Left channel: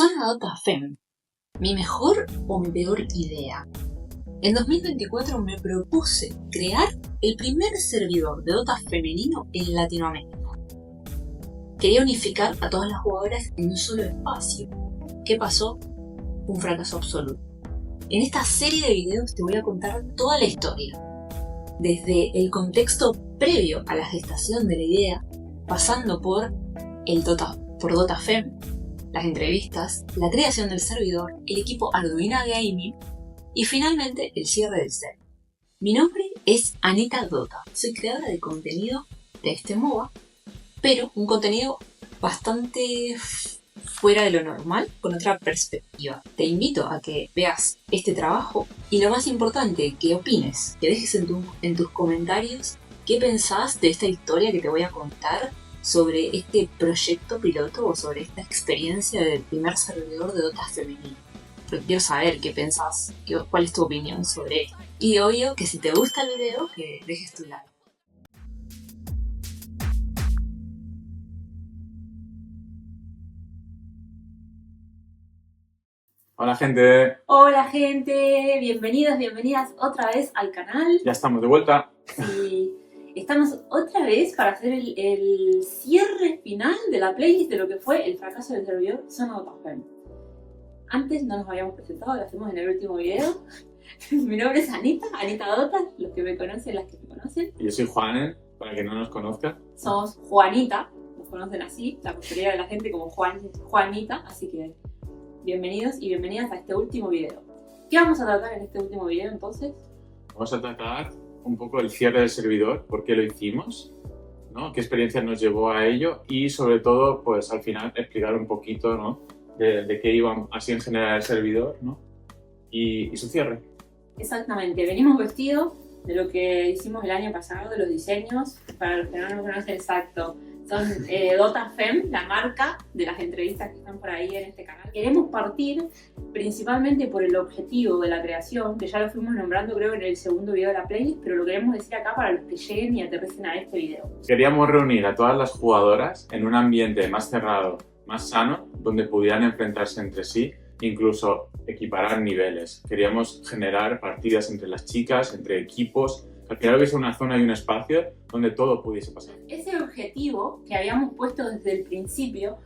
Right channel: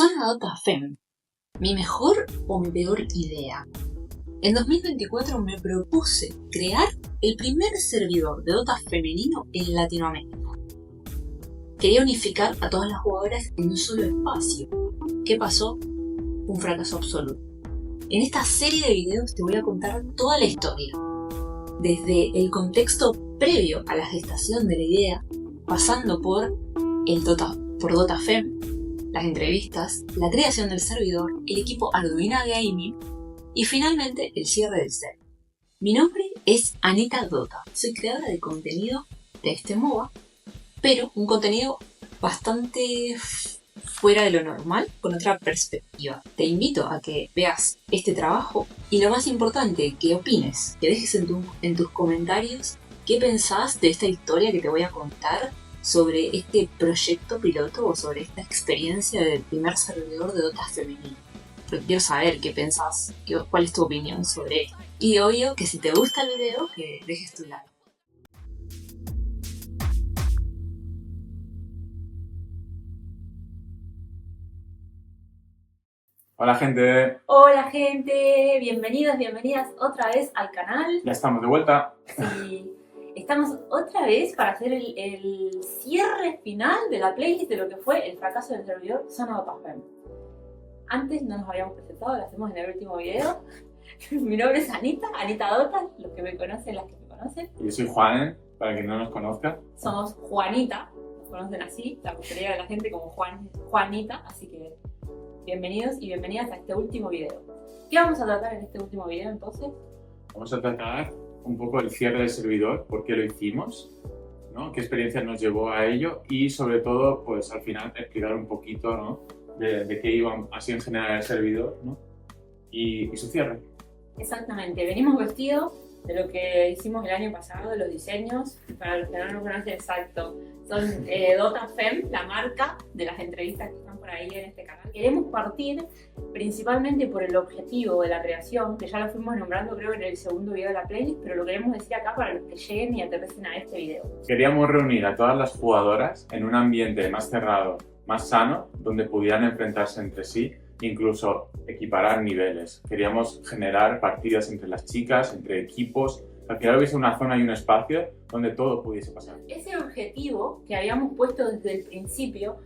Zona Dota Fem. ¿Mi mejor o mi peor idea? En 2024 me propuse crear el primer servidor de Dota femenino en Latinoamérica. Quería unificar a todas las jugadoras en un solo espacio. ¿Qué pasó? Un fracaso absoluto. En esta serie de videos te voy a contar toda la historia, desde el contexto previo a la gestación de la idea, pasando por Dota Fem, las entrevistas, la creación del servidor, el equipo Arduina Gaming y finalmente el cierre del server. Mi nombre es Anita Dota, soy creadora de contenido de este MOBA, pero un contenido bastante fuera de lo normal, con otra perspectiva. Te invito a que veas este trabajo y lo más importante, que opines, que dejes en tus comentarios qué pensás de esta historia que te voy a contar sobre este proyecto piloto o sobre esta experiencia del primer servidor de Dota femenino. Porque quiero saber qué pensás, cuál es tu opinión sobre esto. Y obvio que si te gusta el video, que dejes tu like. Hola gente. Hola gente, bienvenidas otra vez al canal. Ya estamos de vuelta. Sí, estamos otra vez para hacer el cierre final de la playlist de lo que fue el fracaso del servidor Zona Dota Fem. Antes no nos habíamos presentado, lo hacemos en el último video. Mi nombre es Anita Dota, los que me conocen, las que me conocen. Y yo soy Juan, para quien no nos conozca. Somos Juanita, nos conocen así, la mayoría de la gente como Juanita, así que bienvenidos y bienvenidas a este último video. ¿Qué vamos a tratar en este último video entonces? Vamos a tratar un poco el cierre del servidor, por qué lo hicimos, ¿no? Qué experiencia nos llevó a ello y sobre todo, pues al final explicar un poquito, ¿no? de qué iba así en general el servidor, ¿no? y su cierre. Exactamente, venimos vestidos de lo que hicimos el año pasado, de los diseños. Para los que no nos conocen exacto, son Dota Fem, la marca de las entrevistas que están por ahí en este canal. Queremos partir principalmente por el objetivo de la creación, que ya lo fuimos nombrando creo en el segundo video de la playlist, pero lo queremos decir acá para los que lleguen y aterricen a este video. Queríamos reunir a todas las jugadoras en un ambiente más cerrado, más sano, donde pudieran enfrentarse entre sí, incluso equiparar niveles. Queríamos generar partidas entre las chicas, entre equipos. Al final hubiese una zona y un espacio donde todo pudiese pasar. Ese objetivo que habíamos puesto desde el principio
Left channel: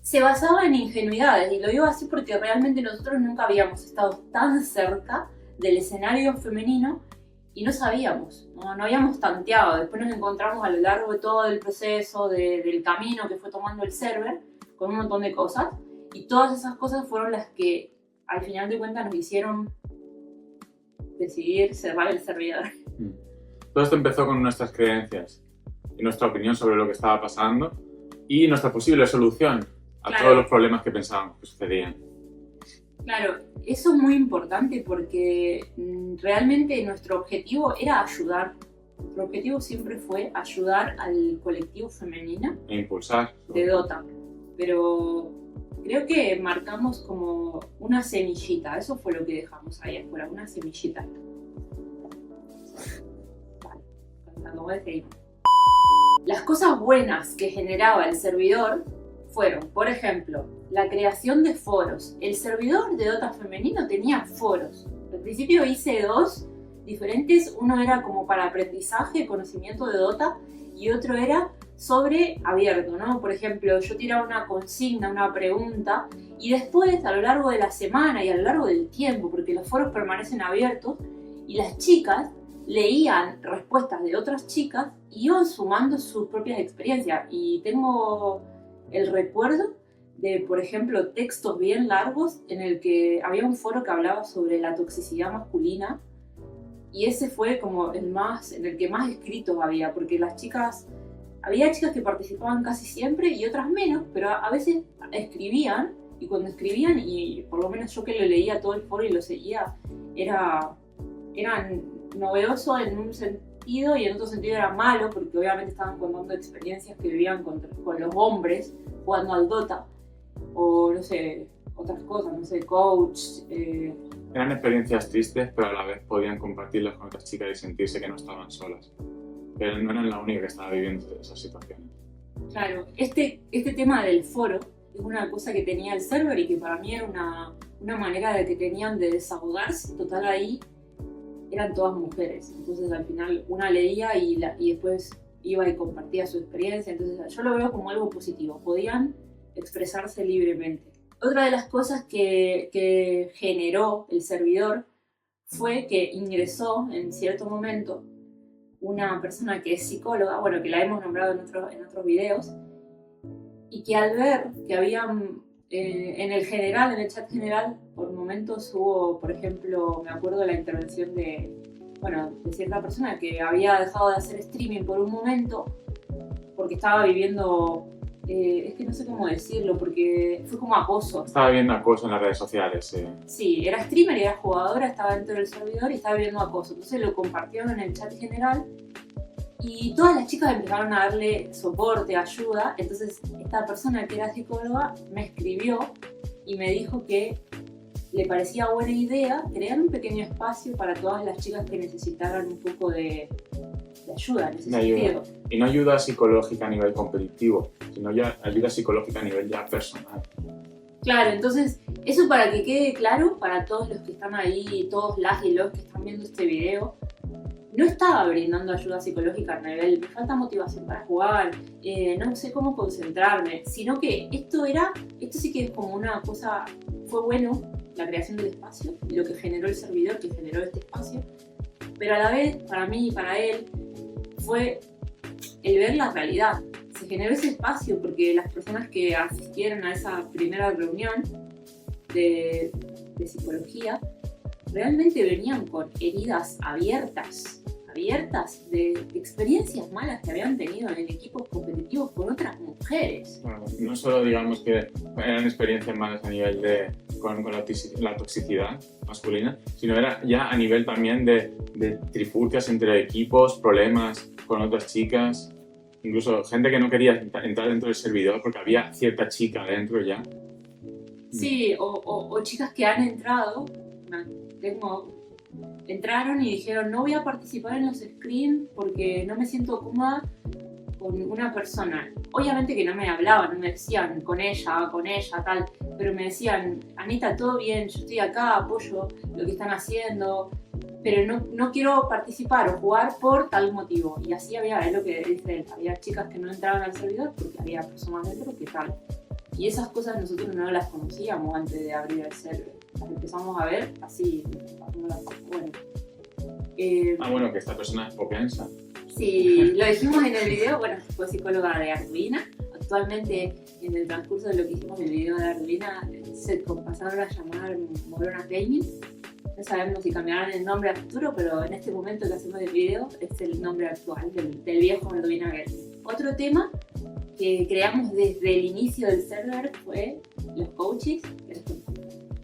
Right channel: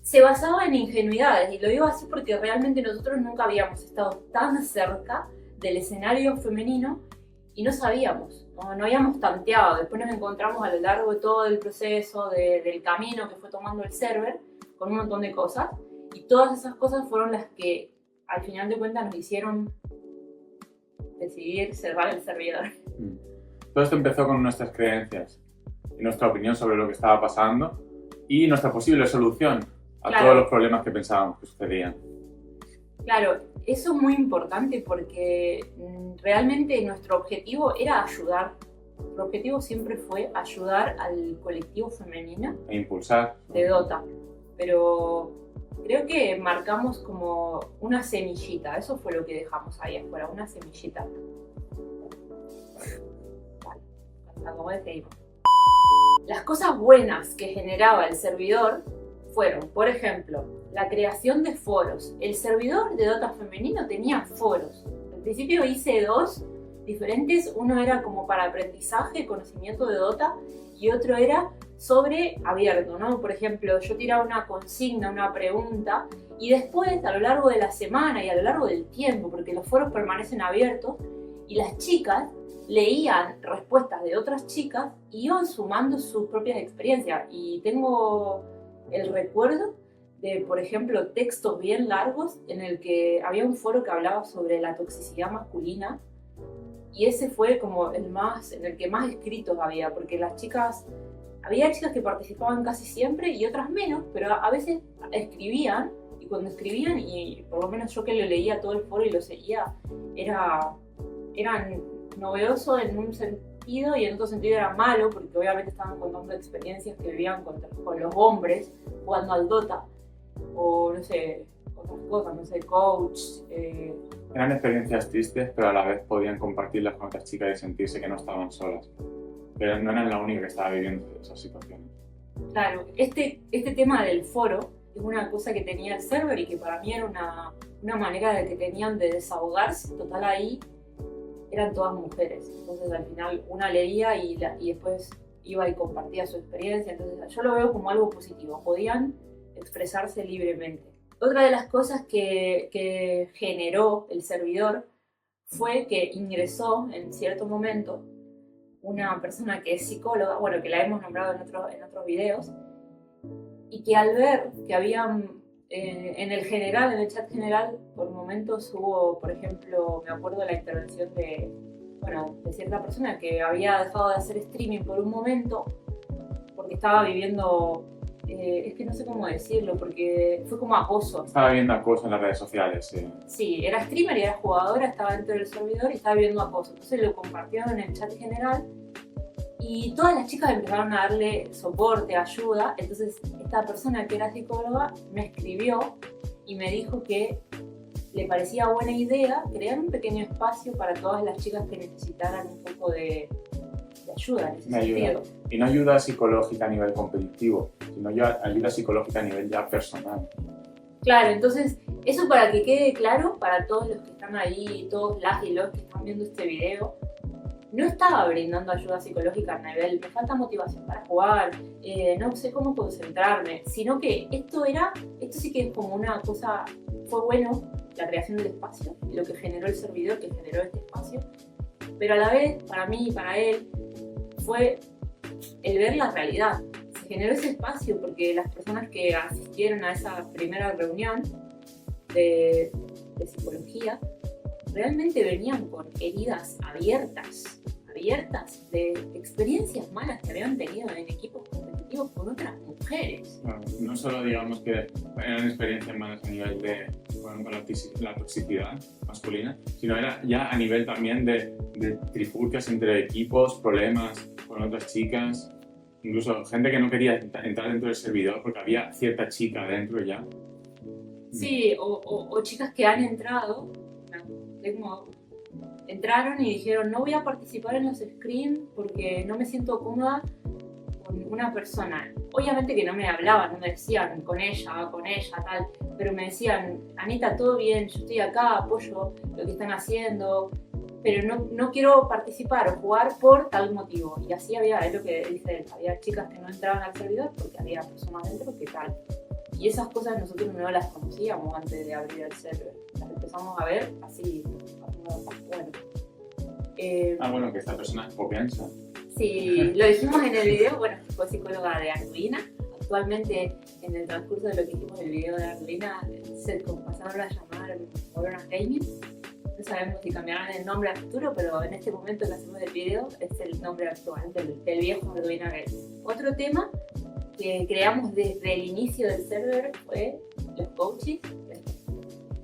se basaba en ingenuidades, y lo digo así porque realmente nosotros nunca habíamos estado tan cerca del escenario femenino y no sabíamos, no habíamos tanteado. Después nos encontramos a lo largo de todo el proceso, del camino que fue tomando el server, con un montón de cosas, y todas esas cosas fueron las que al final de cuentas nos hicieron decidir cerrar el servidor. Todo esto empezó con nuestras creencias y nuestra opinión sobre lo que estaba pasando y nuestra posible solución a todos los problemas que pensábamos que sucedían. Claro, eso es muy importante porque realmente nuestro objetivo era ayudar. Nuestro objetivo siempre fue ayudar al colectivo femenino E impulsar. de Dota. Pero creo que marcamos como una semillita, eso fue lo que dejamos ahí afuera, una semillita. Vale, las cosas buenas que generaba el servidor fueron, por ejemplo, la creación de foros. El servidor de Dota femenino tenía foros. Al principio hice dos diferentes, uno era como para aprendizaje, conocimiento de Dota, y otro era sobre abierto, ¿no? Por ejemplo, yo tiraba una consigna, una pregunta, y después, a lo largo de la semana y a lo largo del tiempo, porque los foros permanecen abiertos, y las chicas leían respuestas de otras chicas y iban sumando sus propias experiencias. Y tengo el recuerdo de, por ejemplo, textos bien largos en el que había un foro que hablaba sobre la toxicidad masculina, y ese fue como en el que más escritos había, porque había chicas que participaban casi siempre y otras menos, pero a veces escribían, y cuando escribían, y por lo menos yo que lo leía todo el foro y lo seguía, era novedoso en un sentido y en otro sentido era malo, porque obviamente estaban contando experiencias que vivían con los hombres jugando al Dota, o no sé, otras cosas, no sé, coach. Eran experiencias tristes, pero a la vez podían compartirlas con otras chicas y sentirse que no estaban solas. Pero no eran la única que estaba viviendo esas situaciones. Claro, este tema del foro es una cosa que tenía el server y que para mí era una manera de que tenían de desahogarse. Total, ahí eran todas mujeres. Entonces al final una leía y después iba y compartía su experiencia. Entonces yo lo veo como algo positivo. Podían expresarse libremente. Otra de las cosas que generó el servidor fue que ingresó en cierto momento una persona que es psicóloga, bueno, que la hemos nombrado en otros videos, y que al ver que habían en el chat general, por momentos hubo, por ejemplo, me acuerdo la intervención de cierta persona que había dejado de hacer streaming por un momento porque estaba viviendo, es que no sé cómo decirlo, porque fue como acoso. Estaba viviendo acoso en las redes sociales, sí. Sí, era streamer y era jugadora, estaba dentro del servidor y estaba viviendo acoso. Entonces lo compartieron en el chat general y todas las chicas empezaron a darle soporte, ayuda. Entonces esta persona que era psicóloga me escribió y me dijo que le parecía buena idea crear un pequeño espacio para todas las chicas que necesitaran un poco de ayuda en ese sentido. Y no ayuda psicológica a nivel competitivo, sino ya ayuda psicológica a nivel ya personal. Claro, entonces eso para que quede claro para todos los que están ahí, todos las y los que están viendo este video, no estaba brindando ayuda psicológica a nivel me falta motivación para jugar, no sé cómo concentrarme, sino que esto sí que es como una cosa, fue bueno la creación del espacio, lo que generó el servidor, que generó este espacio, pero a la vez, para mí y para él, fue el ver la realidad. Se generó ese espacio porque las personas que asistieron a esa primera reunión de psicología realmente venían con heridas abiertas de experiencias malas que habían tenido en equipos competitivos con otras mujeres. Bueno, no solo digamos que eran experiencias malas a nivel con la toxicidad masculina, sino era ya a nivel también de trifulcas entre equipos, problemas con otras chicas, incluso gente que no quería entrar dentro del servidor porque había cierta chica dentro ya. Sí, o chicas que han entrado, entraron y dijeron no voy a participar en los screens porque no me siento cómoda con una persona. Obviamente que no me hablaban, no me decían con ella, tal, pero me decían, Anita, todo bien, yo estoy acá, apoyo lo que están haciendo, pero no quiero participar o jugar por tal motivo. Y así es lo que dice él, había chicas que no entraban al servidor porque había personas dentro que tal. Y esas cosas nosotros no las conocíamos antes de abrir el server. Las empezamos a ver así, bueno. Bueno, que esta persona es propensa. Sí, lo dijimos en el video, bueno, fue psicóloga de Arduino. Actualmente, en el transcurso de lo que hicimos en el video de Arduino, se pasaron a llamar Morona Gaming. No sabemos si cambiarán el nombre a futuro, pero en este momento que hacemos el video es el nombre actual del viejo Arduino Gaming. Otro tema que creamos desde el inicio del server fue los coaches.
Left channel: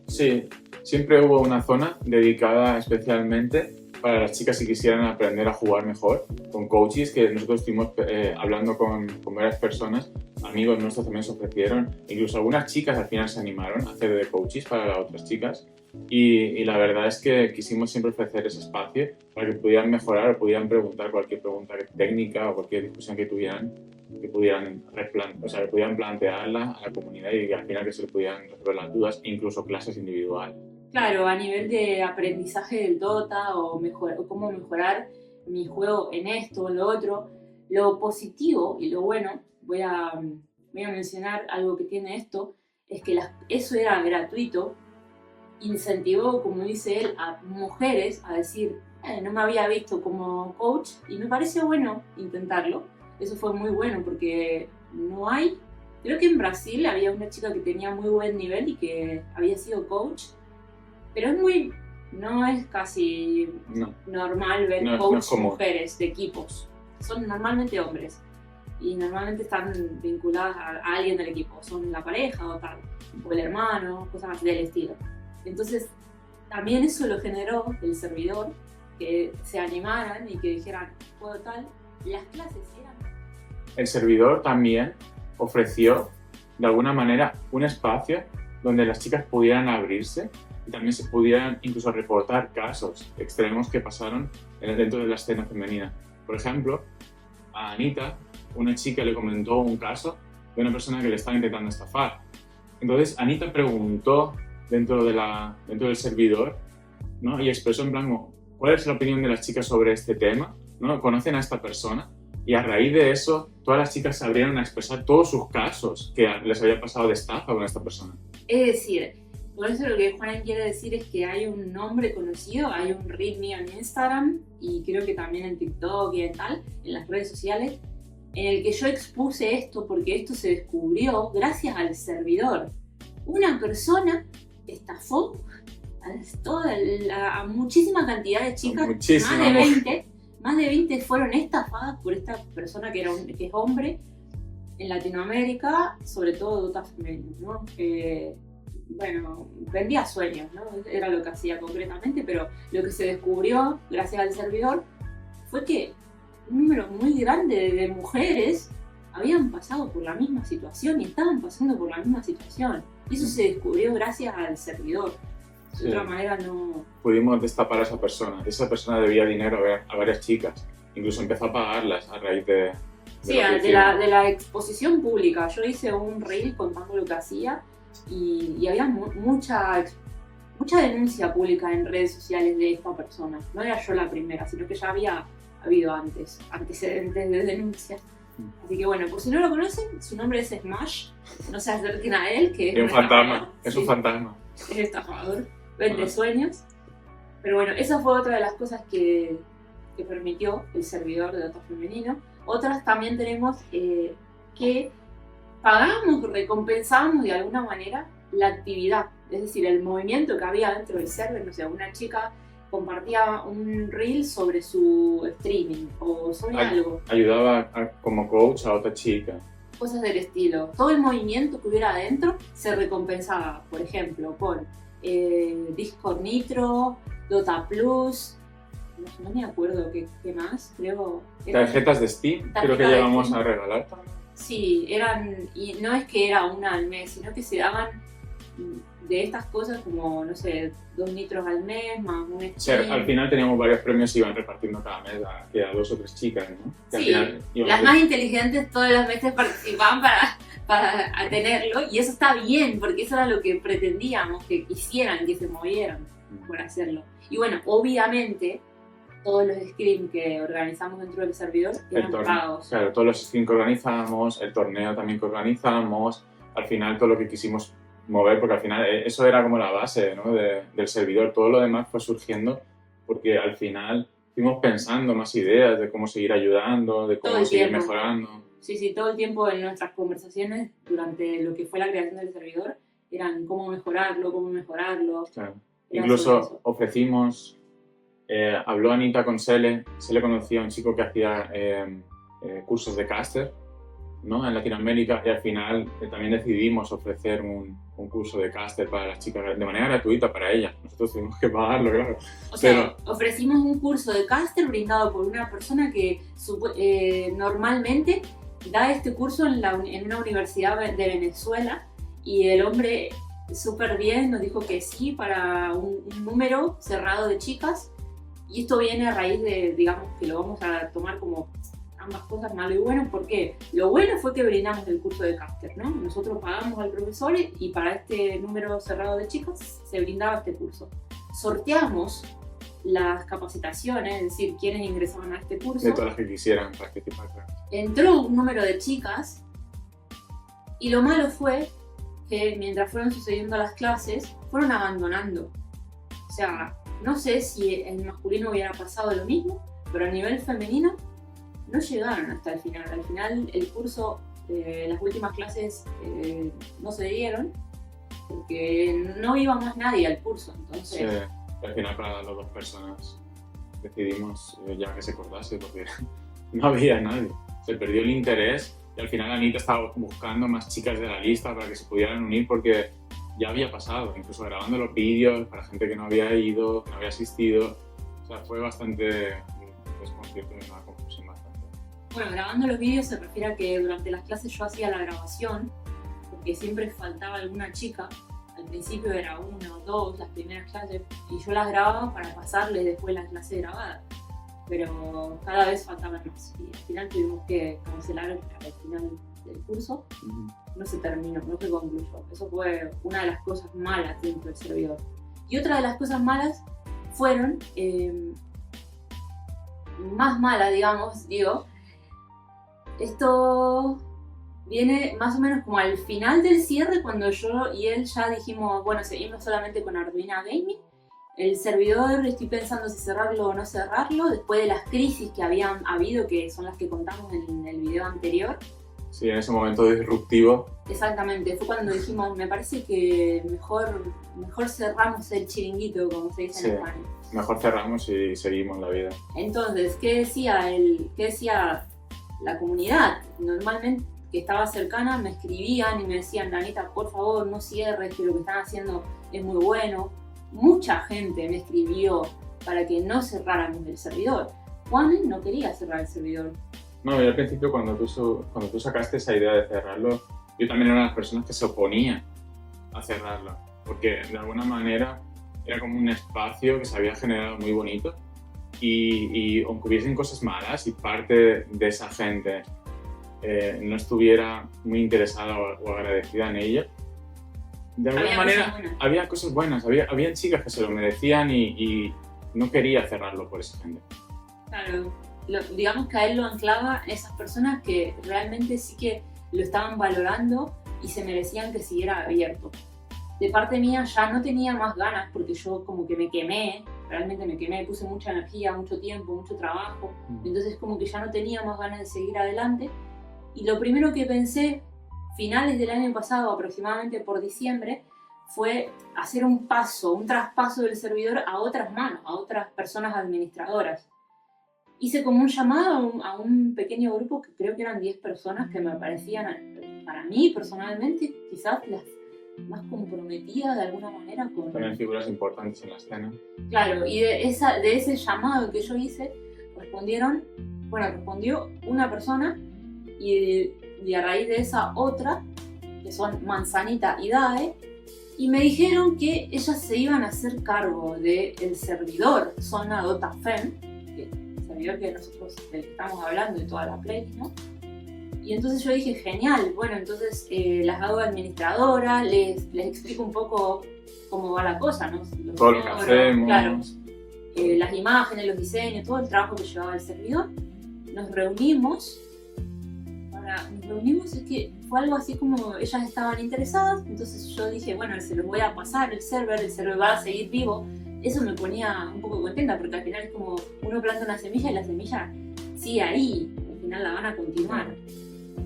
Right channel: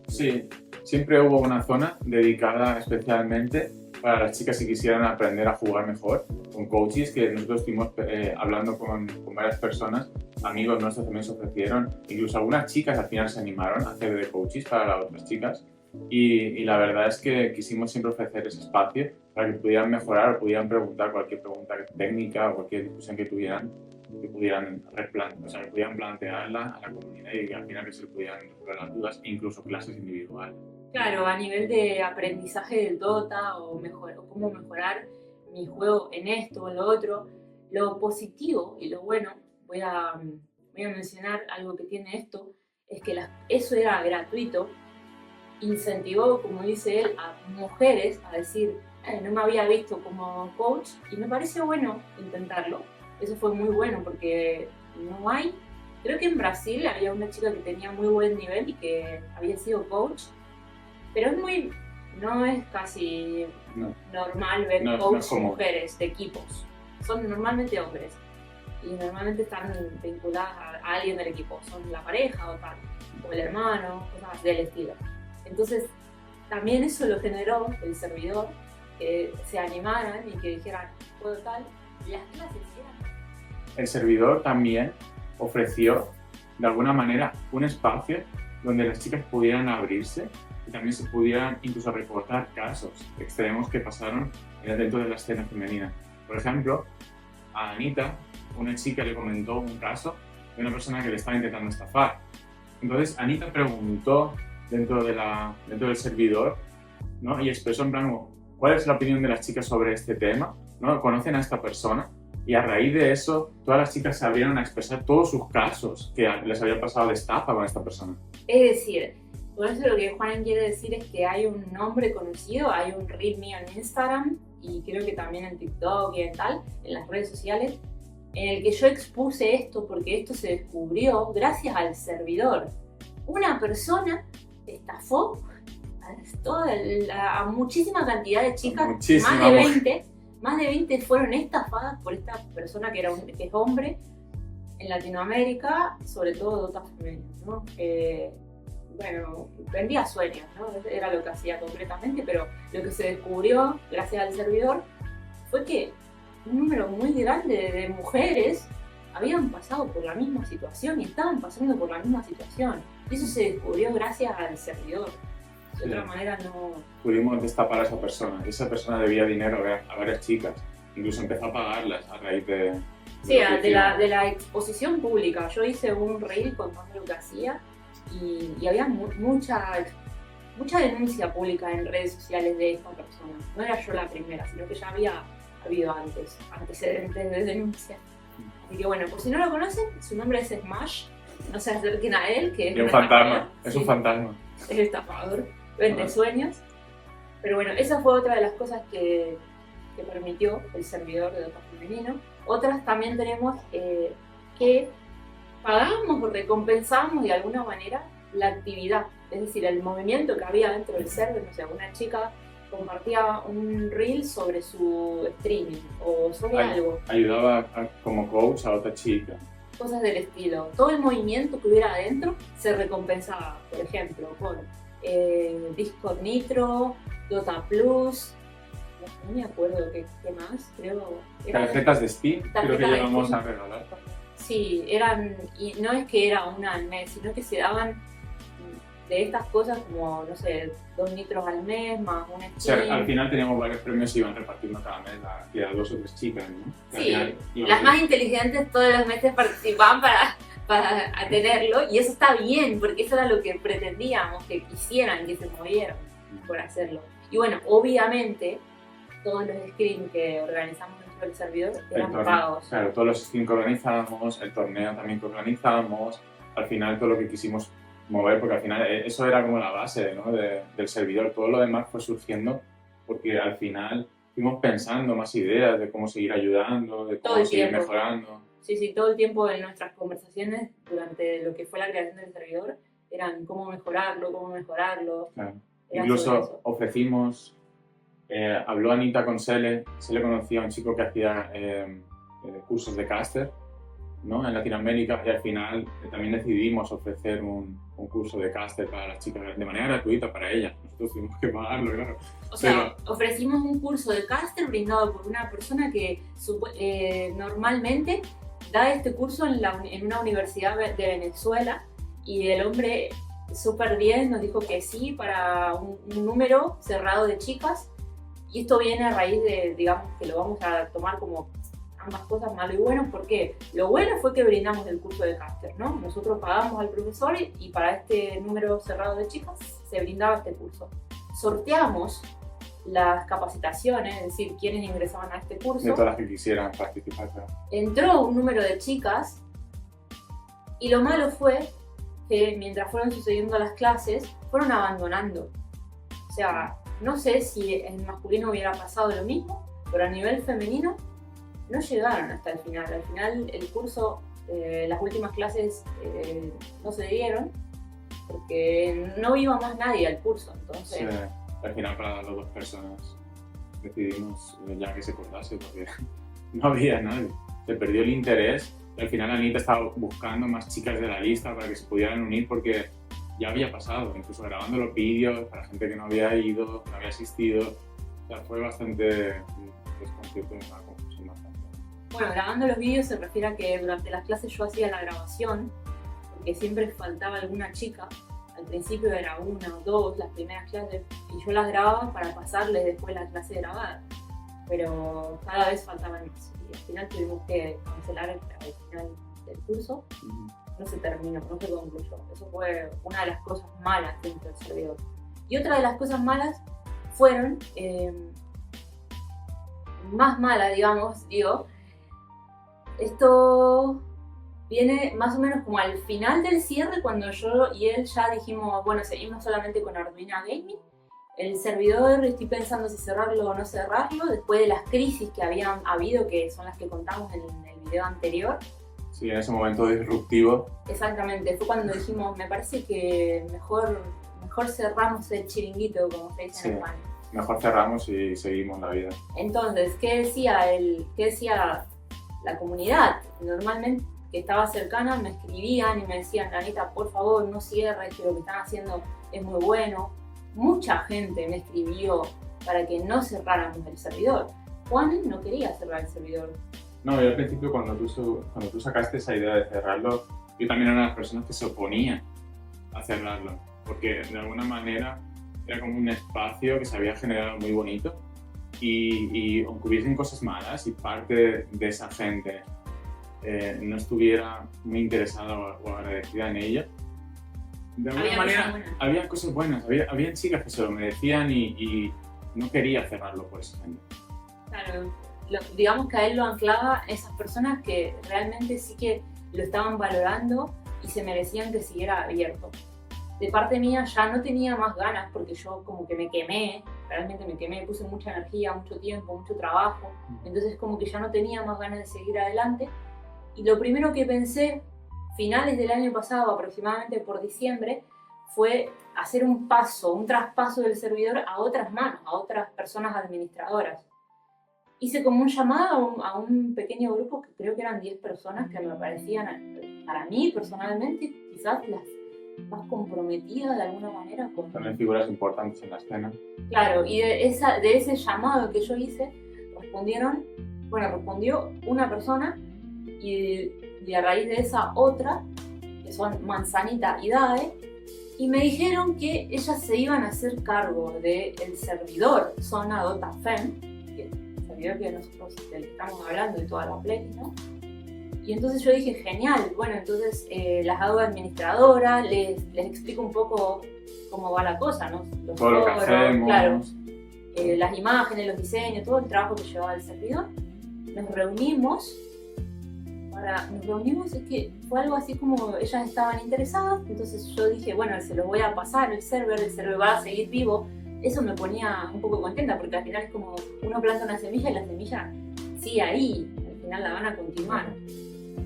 Sí, siempre hubo una zona dedicada especialmente para las chicas que quisieran aprender a jugar mejor, con coaches que nosotros estuvimos hablando con varias personas, amigos nuestros también se ofrecieron, incluso algunas chicas al final se animaron a hacer de coaches para las otras chicas y la verdad es que quisimos siempre ofrecer ese espacio para que pudieran mejorar o pudieran preguntar cualquier pregunta técnica o cualquier discusión que tuvieran, que pudieran plantearla a la comunidad y al final que se le pudieran resolver las dudas, incluso clases individuales. Claro, a nivel de aprendizaje del Dota o cómo mejorar mi juego en esto o lo otro, lo positivo y lo bueno, voy a mencionar algo que tiene esto, es que eso era gratuito, incentivó, como dice él, a mujeres a decir, no me había visto como coach y me parece bueno intentarlo. Eso fue muy bueno porque creo que en Brasil había una chica que tenía muy buen nivel y que había sido coach. Pero no es casi normal ver coaches mujeres de equipos. Son normalmente hombres. Y normalmente están vinculadas a alguien del equipo. Son la pareja o el hermano, cosas del estilo. Entonces, también eso lo generó el servidor, que se animaran y que dijeran, puedo tal. Las clases eran... El servidor también ofreció, de alguna manera, un espacio donde las chicas pudieran abrirse y también se pudieran incluso reportar casos extremos que pasaron dentro de la escena femenina. Por ejemplo, a Anita, una chica le comentó un caso de una persona que le estaba intentando estafar. Entonces Anita preguntó dentro del servidor, ¿no? Y expresó en plan, ¿cuál es la opinión de las chicas sobre este tema? ¿No? ¿Conocen a esta persona? Y a raíz de eso, todas las chicas se abrieron a expresar todos sus casos que les había pasado de estafa con esta persona. Es decir, por eso lo que Juan quiere decir es que hay un nombre conocido, hay un reel mío en Instagram y creo que también en TikTok y en tal, en las redes sociales, en el que yo expuse esto porque esto se descubrió gracias al servidor. Una persona estafó a muchísima cantidad de chicas, más de 20 fueron estafadas por esta persona que es hombre en Latinoamérica, sobre todo dotas femeninas, ¿no? Bueno, vendía sueños, ¿no? Era lo que hacía concretamente, pero lo que se descubrió gracias al servidor fue que un número muy grande de mujeres habían pasado por la misma situación y estaban pasando por la misma situación. Y eso se descubrió gracias al servidor. De otra manera no... Pudimos destapar a esa persona. Esa persona debía dinero a varias chicas. Incluso empezó a pagarlas a raíz de la exposición pública. Yo hice un reel contando lo que hacía y había mucha denuncia pública en redes sociales de esta persona. No era yo la primera, sino que ya había habido antecedentes de denuncia. Así que bueno, por si no lo conocen, su nombre es Smash. No se acerquen a él, que es un fantasma. Es un fantasma. Es estafador. Vende sueños. Pero bueno, esa fue otra de las cosas que permitió el servidor de Dota Femenino. Otras también tenemos que pagamos o recompensamos de alguna manera la actividad. Es decir, el movimiento que había dentro del server. No sé, una chica compartía un reel sobre su streaming o sobre algo. Ayudaba como coach a otra chica. Cosas del estilo. Todo el movimiento que hubiera adentro se recompensaba, por ejemplo, con Discord Nitro, Dota Plus, no me acuerdo qué más, creo... Tarjetas de Steam, creo que llevamos a regalar. Sí, y no es que era una al mes, sino que se daban de estas cosas como, no sé, 2 nitros al mes, más un Steam. O sea, al final teníamos varios premios y iban repartiendo cada mes a 2 o 3 chicas, ¿no? Sí, las más inteligentes todos los meses participaban para tenerlo, y eso está bien, porque eso era lo que pretendíamos, que quisieran, que se movieran por hacerlo. Y bueno, obviamente, todos los scrims que organizamos dentro del servidor eran pagos. Claro, todos los scrims que organizamos, el torneo también que organizamos, al final todo lo que quisimos mover, porque al final eso era como la base, ¿no? del servidor. Todo lo demás fue surgiendo porque al final fuimos pensando más ideas de cómo seguir ayudando, de cómo seguir mejorando. Sí, todo el tiempo en nuestras conversaciones durante lo que fue la creación del servidor eran cómo mejorarlo. Claro. Incluso ofrecimos, habló Anita con Sele conocía a un chico que hacía cursos de caster, ¿no? En Latinoamérica, y al final también decidimos ofrecer un curso de caster para las chicas de manera gratuita para ellas. Nosotros tuvimos que pagarlo, claro. O sea, ofrecimos un curso de caster brindado por una persona que normalmente da este curso en una universidad de Venezuela, y el hombre súper bien nos dijo que sí para un número cerrado de chicas, y esto viene a raíz de, digamos, que lo vamos a tomar como ambas cosas, malo y bueno, porque lo bueno fue que brindamos el curso de caster, ¿no? Nosotros pagamos al profesor y para este número cerrado de chicas se brindaba este curso. Sorteamos las capacitaciones, es decir, quienes ingresaban a este curso. De todas las que quisieran participar. Entró un número de chicas, y lo malo fue que mientras fueron sucediendo las clases, fueron abandonando. O sea, no sé si en masculino hubiera pasado lo mismo, pero a nivel femenino no llegaron hasta el final. Al final el curso, las últimas clases no se dieron porque no iba más nadie al curso. Entonces, sí, al final para las 2 personas decidimos ya que se cortase porque no había nadie. Se perdió el interés y al final Anita estaba buscando más chicas de la lista para que se pudieran unir porque ya había pasado, incluso grabando los vídeos para gente que no había ido, que no había asistido. O sea, fue bastante desconcierto y una confusión bastante. Bueno, grabando los vídeos se refiere a que durante las clases yo hacía la grabación, porque siempre faltaba alguna chica. Al principio era 1 o 2 las primeras clases, y yo las grababa para pasarles después la clase grabada. Pero cada vez faltaban más, y al final tuvimos que cancelar al final del curso no se terminó, no se concluyó. Eso fue una de las cosas malas dentro del servidor. Y otra de las cosas malas fueron, más malas, digo, esto viene más o menos como al final del cierre, cuando yo y él ya dijimos, bueno, seguimos solamente con Arduino Gaming. El servidor, estoy pensando si cerrarlo o no cerrarlo, después de las crisis que habían habido, que son las que contamos en el video anterior. Sí, en ese momento disruptivo. Exactamente, fue cuando dijimos, me parece que mejor cerramos el chiringuito, como se dice en España. Mejor cerramos y seguimos la vida. Entonces, ¿qué decía la comunidad? Normalmente, que estaba cercana, me escribían y me decían, Anita, por favor, no cierres, que lo que están haciendo es muy bueno. Mucha gente me escribió para que no cerráramos el servidor. Juan no quería cerrar el servidor. No, yo al principio cuando tú sacaste esa idea de cerrarlo, yo también era una de las personas que se oponía a cerrarlo, porque de alguna manera era como un espacio que se había generado muy bonito y aunque hubiesen cosas malas y parte de esa gente no estuviera muy interesada o agradecida en ella, de alguna manera había cosas buenas, había chicas que se lo merecían y no quería cerrarlo por esa gente. Claro, digamos que a él lo anclaba esas personas que realmente sí que lo estaban valorando y se merecían que siguiera abierto. De parte mía ya no tenía más ganas porque yo como que me quemé, realmente me quemé, puse mucha energía, mucho tiempo, mucho trabajo, entonces como que ya no tenía más ganas de seguir adelante. Y lo primero que pensé, finales del año pasado, aproximadamente por diciembre, fue hacer un traspaso del servidor a otras manos, a otras personas administradoras. Hice como un llamado a un pequeño grupo que creo que eran 10 personas que me parecían, para mí personalmente, quizás las más comprometidas de alguna manera con... También figuras importantes en la escena. Claro, y de ese llamado que yo hice, respondió una persona y a raíz de esa otra, que son Manzanita y Dae, y me dijeron que ellas se iban a hacer cargo del servidor Zona Dota Fem, el servidor que nosotros estamos hablando de toda la Play, ¿no? Y entonces yo dije, genial, bueno, entonces las hago administradora, les explico un poco cómo va la cosa, ¿no? Todo lo que hacemos. Claro, las imágenes, los diseños, todo el trabajo que llevaba el servidor. Nos reunimos, es que fue algo así como ellas estaban interesadas, entonces yo dije, bueno, se lo voy a pasar el server va a seguir vivo. Eso me ponía un poco contenta, porque al final es como uno planta una semilla y la semilla sigue ahí, al final la van a continuar.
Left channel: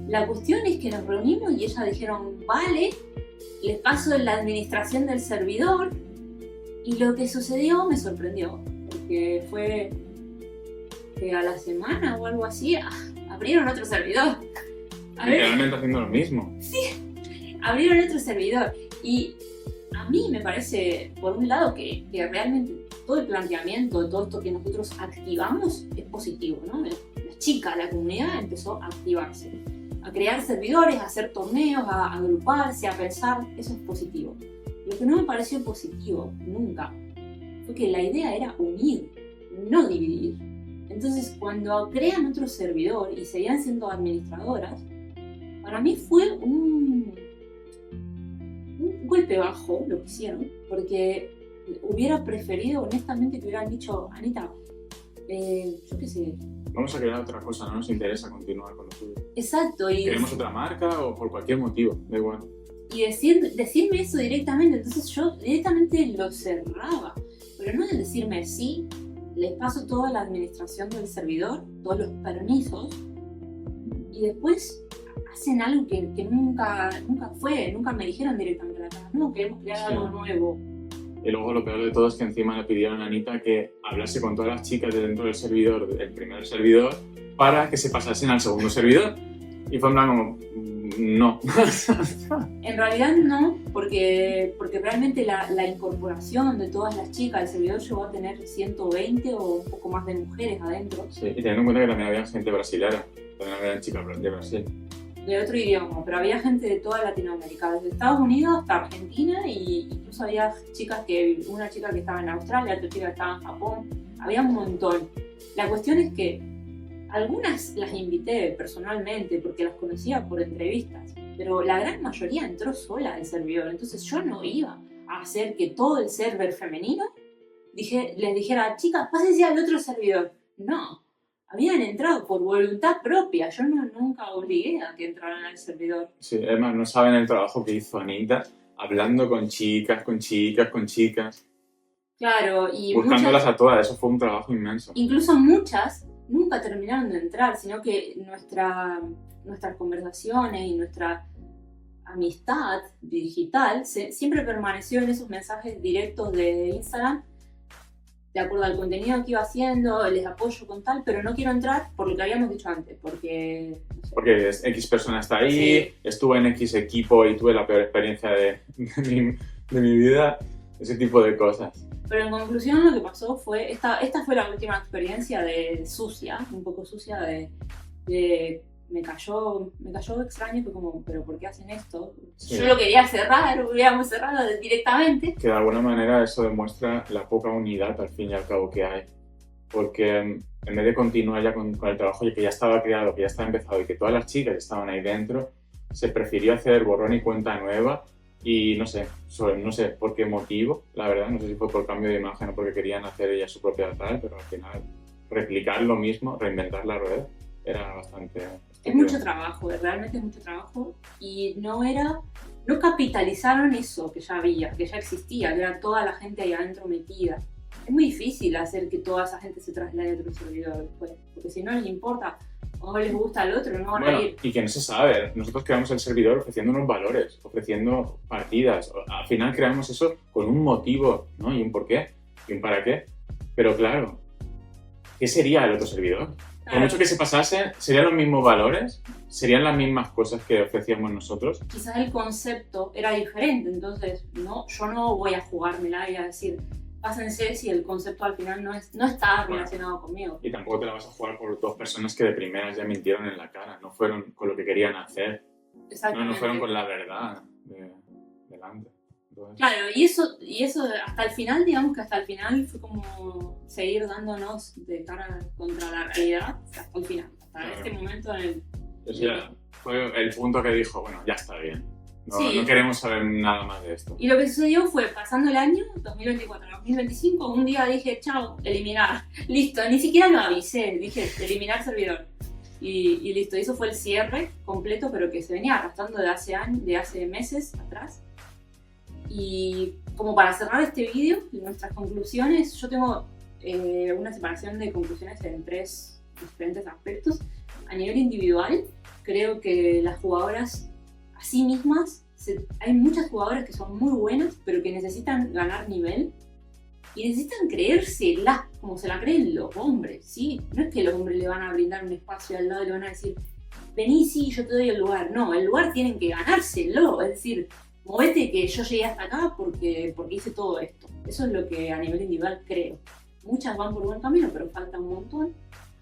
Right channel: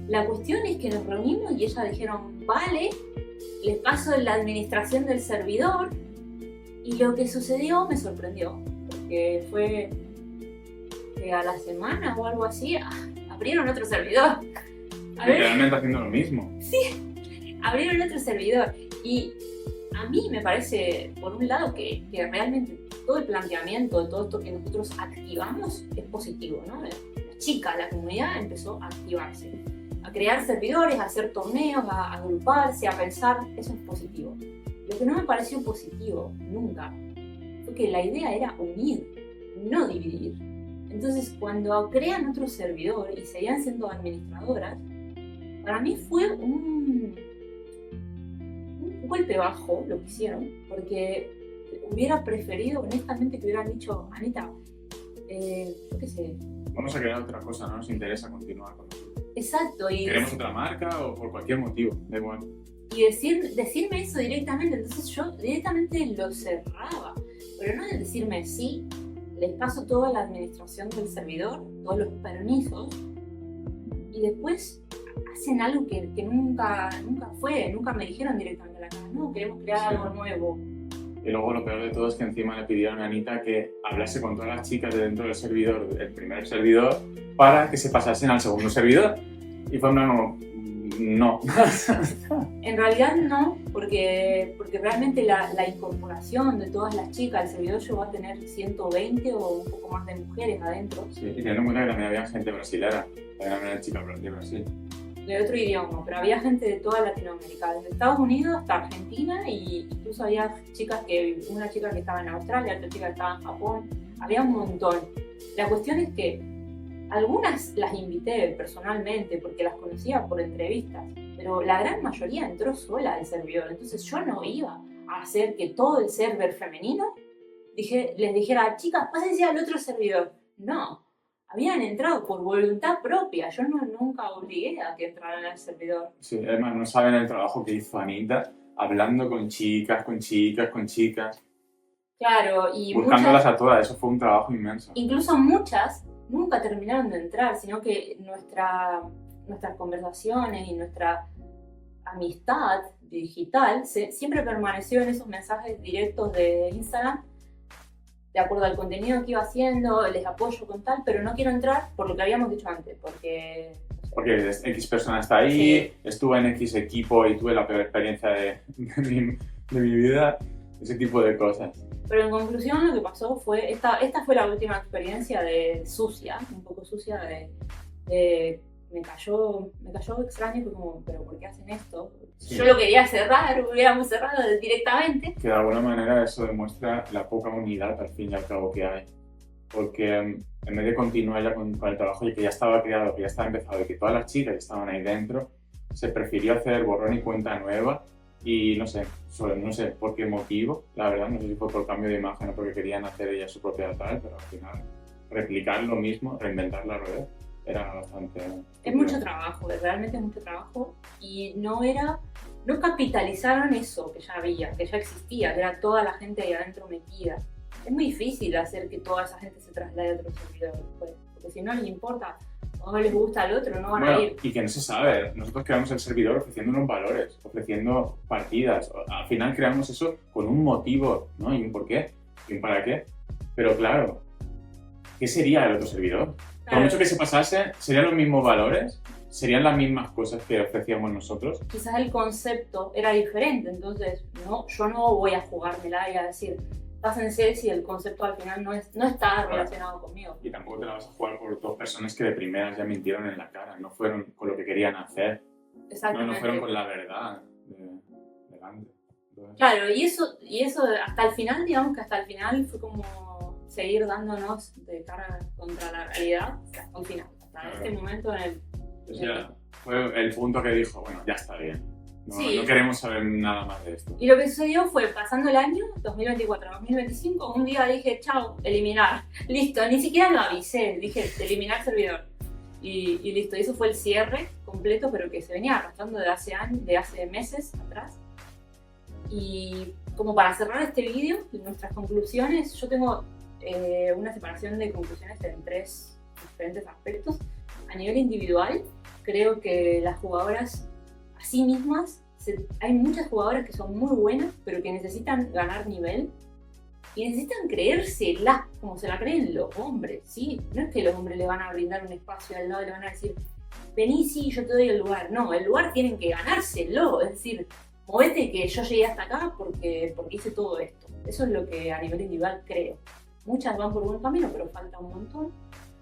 La cuestión es que nos reunimos y ellas dijeron, vale, les paso la administración del servidor, y lo que sucedió me sorprendió, porque fue que a la semana o algo así abrieron otro servidor. Literalmente haciendo lo mismo. Sí, abrieron otro servidor. Y a mí me parece, por un lado, que realmente todo el planteamiento de todo esto que nosotros activamos es positivo, ¿no? La comunidad empezó a activarse, a crear servidores, a hacer torneos, a agruparse, a pensar, eso es positivo. Lo que no me pareció positivo, nunca, fue que la idea era unir, no dividir. Entonces, cuando crean otro servidor y seguían siendo administradoras, para mí fue un golpe bajo lo que hicieron, porque hubiera preferido, honestamente, que hubieran dicho, Anita, yo qué sé. Vamos a crear otra cosa, no nos interesa continuar con lo suyo. Exacto. Y queremos otra marca o por cualquier motivo, da igual. Y decirme eso directamente, entonces yo directamente lo cerraba, pero no de decirme sí, les paso toda la administración del servidor, todos los permisos, y después hacen algo que nunca me dijeron directamente a la cara, no, queremos crear algo nuevo. Y luego lo peor de todo es que encima le pidieron a Anita que hablase con todas las chicas de dentro del servidor, del primer servidor, para que se pasasen al segundo servidor. Y fue como, no. En realidad no, porque realmente la incorporación de todas las chicas al servidor llegó a tener 120 o un poco más de mujeres adentro. Sí, y teniendo en cuenta que también había gente brasilera, también había chicas de Brasil. De otro idioma, pero había gente de toda Latinoamérica, desde Estados Unidos hasta Argentina, y incluso había una chica que estaba en Australia, otra chica que estaba en Japón, había un montón. La cuestión es que Algunas las invité personalmente porque las conocía por entrevistas, pero la gran mayoría entró sola al servidor. Entonces yo no iba a hacer que todo el server femenino les dijera, chicas, pásense al otro servidor. No, habían entrado por voluntad propia. Yo nunca obligué a que entraran al servidor. Sí, además no saben el trabajo que hizo Anita, hablando con chicas. Claro, y buscándolas a todas, eso fue un trabajo inmenso. Incluso muchas nunca terminaron de entrar, sino que nuestras conversaciones y nuestra amistad digital siempre permaneció en esos mensajes directos de Instagram, de acuerdo al contenido que iba haciendo, les apoyo con tal, pero no quiero entrar por lo que habíamos dicho antes, porque... No sé. Porque X persona está ahí, sí. Estuve en X equipo y tuve la peor experiencia de mi vida, ese tipo de cosas. Pero en conclusión lo que pasó fue, esta fue la última experiencia un poco sucia, me cayó extraño, fue como, pero ¿por qué hacen esto? Sí. Yo lo quería cerrar, hubiéramos cerrado directamente. Que de alguna manera eso demuestra la poca unidad al fin y al cabo que hay. Porque en vez de continuar ya con el trabajo que ya estaba creado, que ya estaba empezado y que todas las chicas estaban ahí dentro, se prefirió hacer borrón y cuenta nueva. Y no sé por qué motivo, la verdad, no sé si fue por cambio de imagen o porque querían hacer ella su propia tal, pero al final replicar lo mismo, reinventar la rueda, era bastante... Es mucho trabajo, realmente es mucho trabajo, y no capitalizaron eso que ya existía, que era toda la gente ahí adentro metida. Es muy difícil hacer que toda esa gente se traslade a otro servidor después, porque si no les importa o no les gusta al otro, no van a ir. Y que no se sabe, nosotros creamos el servidor ofreciendo unos valores, ofreciendo partidas, al final creamos eso con un motivo, ¿no? Y un porqué, y un para qué, pero claro, ¿qué sería el otro servidor? Por mucho que se pasase, ¿serían los mismos valores? ¿Serían las mismas cosas que ofrecíamos nosotros? Quizás el concepto era diferente, entonces yo no voy a jugármela y a decir, pásense si el concepto al final no está relacionado conmigo. Y tampoco te la vas a jugar por dos personas que de primeras ya mintieron en la cara, no fueron con lo que querían hacer. Exactamente. No fueron con la verdad delante. Entonces... Claro, y eso hasta el final, digamos que hasta el final fue como seguir dándonos de cara contra la realidad hasta el final, hasta este momento en el... Pues ya fue el punto que dijo, bueno, ya está bien. No queremos saber nada más de esto. Y lo que sucedió fue, pasando el año, 2024-2025, un día dije, chao, eliminar. Listo, ni siquiera lo avisé, dije, eliminar servidor. Y listo, eso fue el cierre completo, pero que se venía arrastrando de hace meses atrás. Y como para cerrar este vídeo, nuestras conclusiones, yo tengo una separación de conclusiones en 3 diferentes aspectos. A nivel individual, creo que las jugadoras a sí mismas, hay muchas jugadoras que son muy buenas, pero que necesitan ganar nivel y necesitan creérsela como se la creen los hombres, ¿sí? No es que los hombres le van a brindar un espacio al lado y le van a decir, vení, sí, yo te doy el lugar. No, el lugar tienen que ganárselo, es decir, movete que yo llegué hasta acá porque hice todo esto. Eso es lo que a nivel individual creo. Muchas van por buen camino, pero falta un montón.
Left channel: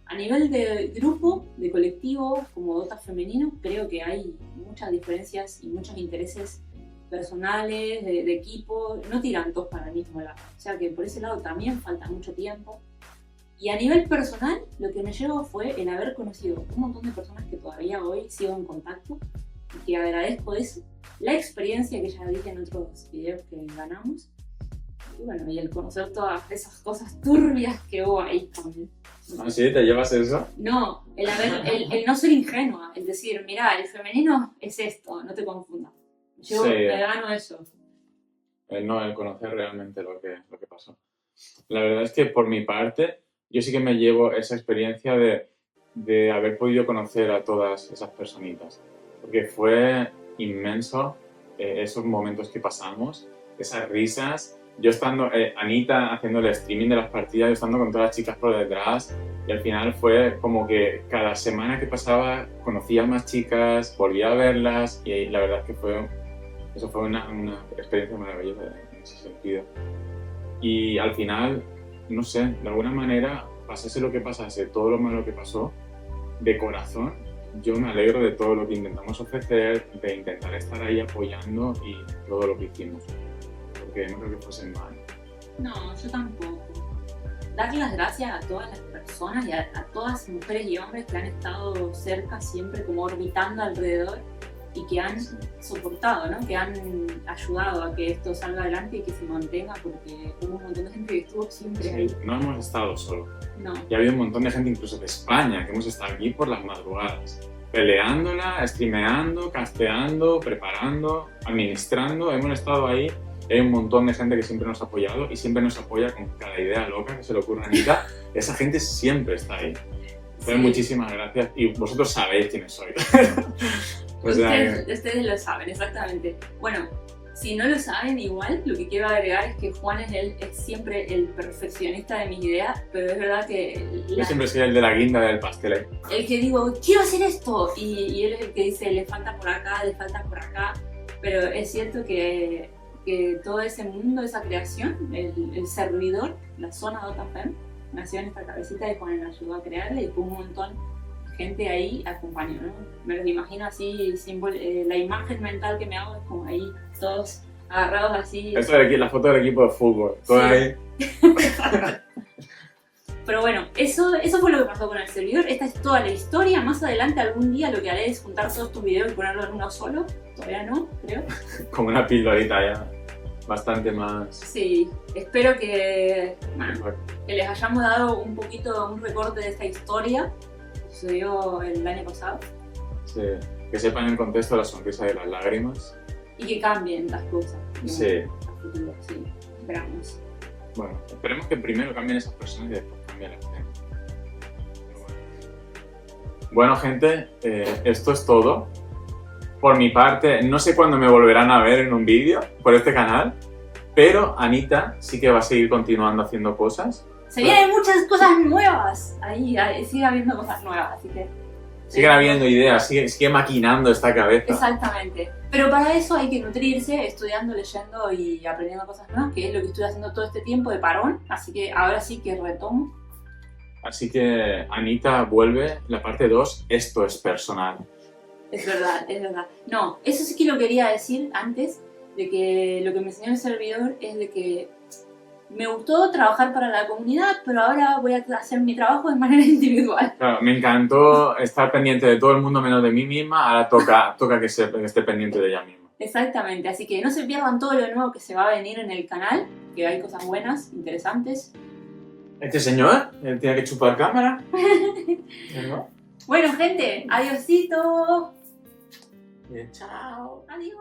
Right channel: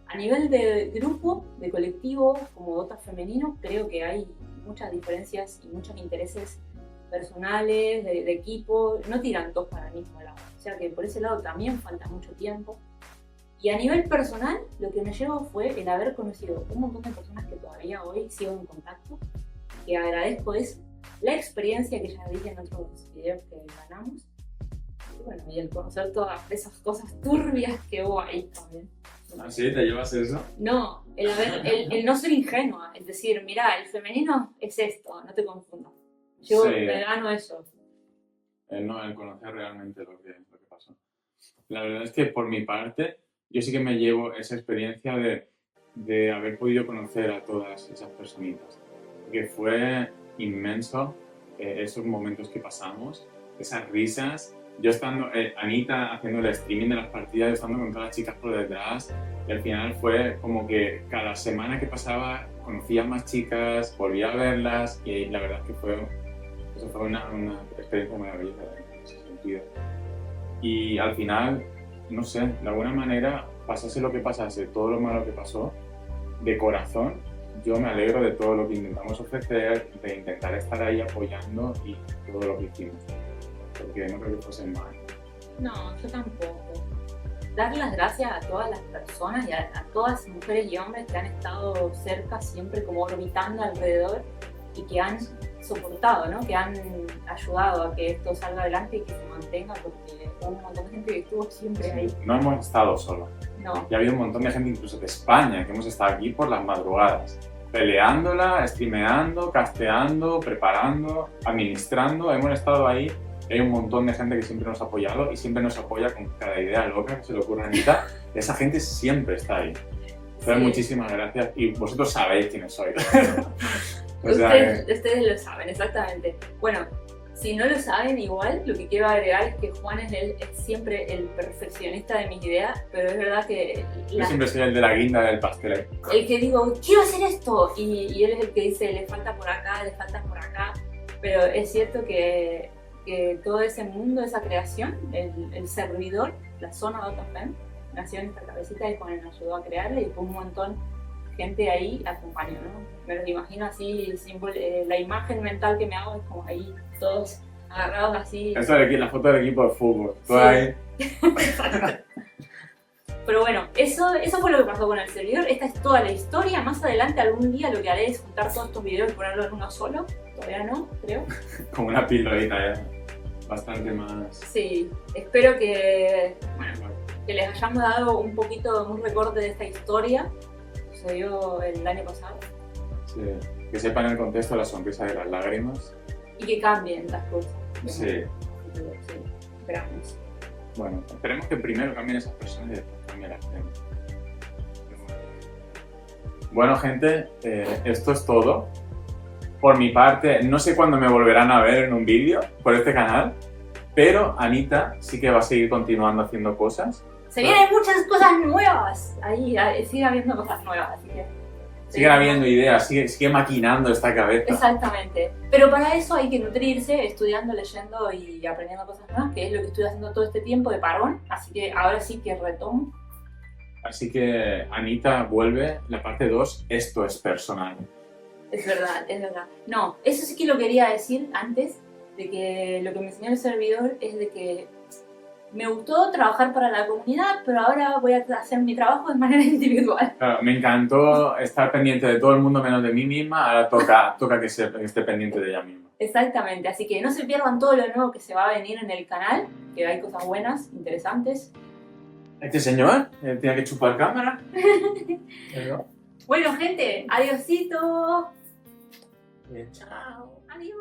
A nivel de grupo, de colectivo, como Dota femenino, creo que hay muchas diferencias y muchos intereses personales, de equipo, no tiran todos para el mismo lado. O sea que por ese lado también falta mucho tiempo. Y a nivel personal, lo que me llevó fue el haber conocido un montón de personas que todavía hoy sigo en contacto y que agradezco eso. La experiencia que ya dije en otros videos que ganamos. Y bueno, y el conocer todas esas cosas turbias que hubo ahí también. ¿Ah, sí? ¿Te llevas eso? No, el no ser ingenua, el decir, mira, el femenino es esto, no te confundas. Yo me gano eso. El conocer realmente lo que pasó. La verdad es que por mi parte, yo sí que me llevo esa experiencia de haber podido conocer a todas esas personitas. Porque fue inmenso esos momentos que pasamos, esas risas. Yo estando, Anita haciendo el streaming de las partidas, yo estando con todas las chicas por detrás, y al final fue como que cada semana que pasaba conocía más chicas, volvía a verlas, y la verdad es que eso fue una experiencia maravillosa en ese sentido. Y al final, no sé, de alguna manera, pasase lo que pasase, todo lo malo que pasó, de corazón, yo me alegro de todo lo que intentamos ofrecer, de intentar estar ahí apoyando y todo lo que hicimos. Porque no creo que fuese mal. No, yo tampoco. dar las gracias a todas las personas y a todas mujeres y hombres que han estado cerca, siempre como orbitando alrededor y que han soportado, ¿no? Que han ayudado a que esto salga adelante y que se mantenga, porque hubo un montón de gente que estuvo siempre ahí. No hemos estado solos. No. Y ha habido un montón de gente incluso de España que hemos estado aquí por las madrugadas, peleándola, streameando, casteando, preparando, administrando. Hemos estado ahí. Hay un montón de gente que siempre nos ha apoyado y siempre nos apoya con cada idea loca que se le ocurre a Anita. Esa gente siempre está ahí. Entonces, Sí. muchísimas gracias. Y vosotros sabéis quiénes sois. O sea Ustedes lo saben, exactamente. Bueno, si no lo saben, igual lo que quiero agregar es que Juan es siempre el perfeccionista de mis ideas, pero es verdad que yo siempre soy el de la guinda del pastel ahí. el que digo, quiero hacer esto, y él es el que dice, le falta por acá, le falta por acá, pero es cierto que todo ese mundo, esa creación, el servidor, la zona Dotafem, nació en esta cabecita y Juan me ayudó a crearla y fue un montón de gente ahí acompañó, ¿no? Me lo imagino así, la imagen mental que me hago es como ahí, todos agarrados así. Esto de aquí, la foto del equipo de fútbol. Todo Sí. ahí. Pero bueno, eso fue lo que pasó con el servidor. Esta es toda la historia. Más adelante, algún día, lo que haré es juntar todos estos videos y ponerlo en uno solo. Todavía no, creo. Como una pildorita ya. Bastante más. Sí, espero que les hayamos dado un poquito, un recorte de esta historia que sucedió el año pasado Sí. Que sepan el contexto de la sonrisa de las lágrimas. y que cambien las cosas. Sí. Sí, esperamos. Bueno, esperemos que primero cambien esas personas y después cambie la gente. Bueno, gente, esto es todo. Por mi parte, no sé cuándo me volverán a ver en un vídeo por este canal, pero Anita sí que va a seguir continuando haciendo cosas. Se vienen muchas cosas nuevas. Ahí sigue habiendo cosas nuevas, así que... Sigue habiendo ideas, sigue maquinando esta cabeza. Exactamente. Pero para eso hay que nutrirse estudiando, leyendo y aprendiendo cosas nuevas, que es lo que estoy haciendo todo este tiempo de parón. Así que ahora sí que retomo. Así que Anita vuelve, la parte 2, esto es personal. Es verdad, es verdad. No, eso sí que lo quería decir antes, de que lo que me enseñó el servidor es de que me gustó trabajar para la comunidad, pero ahora voy a hacer mi trabajo de manera individual. Claro, me encantó estar pendiente de todo el mundo menos de mí misma, ahora toca que esté pendiente de ella misma. Exactamente, así que no se pierdan todo lo nuevo que se va a venir en el canal, que hay cosas buenas, interesantes. Este señor tiene que chupar cámara. ¿No? Bueno, gente, adiosito. Bien, chao. Adiós.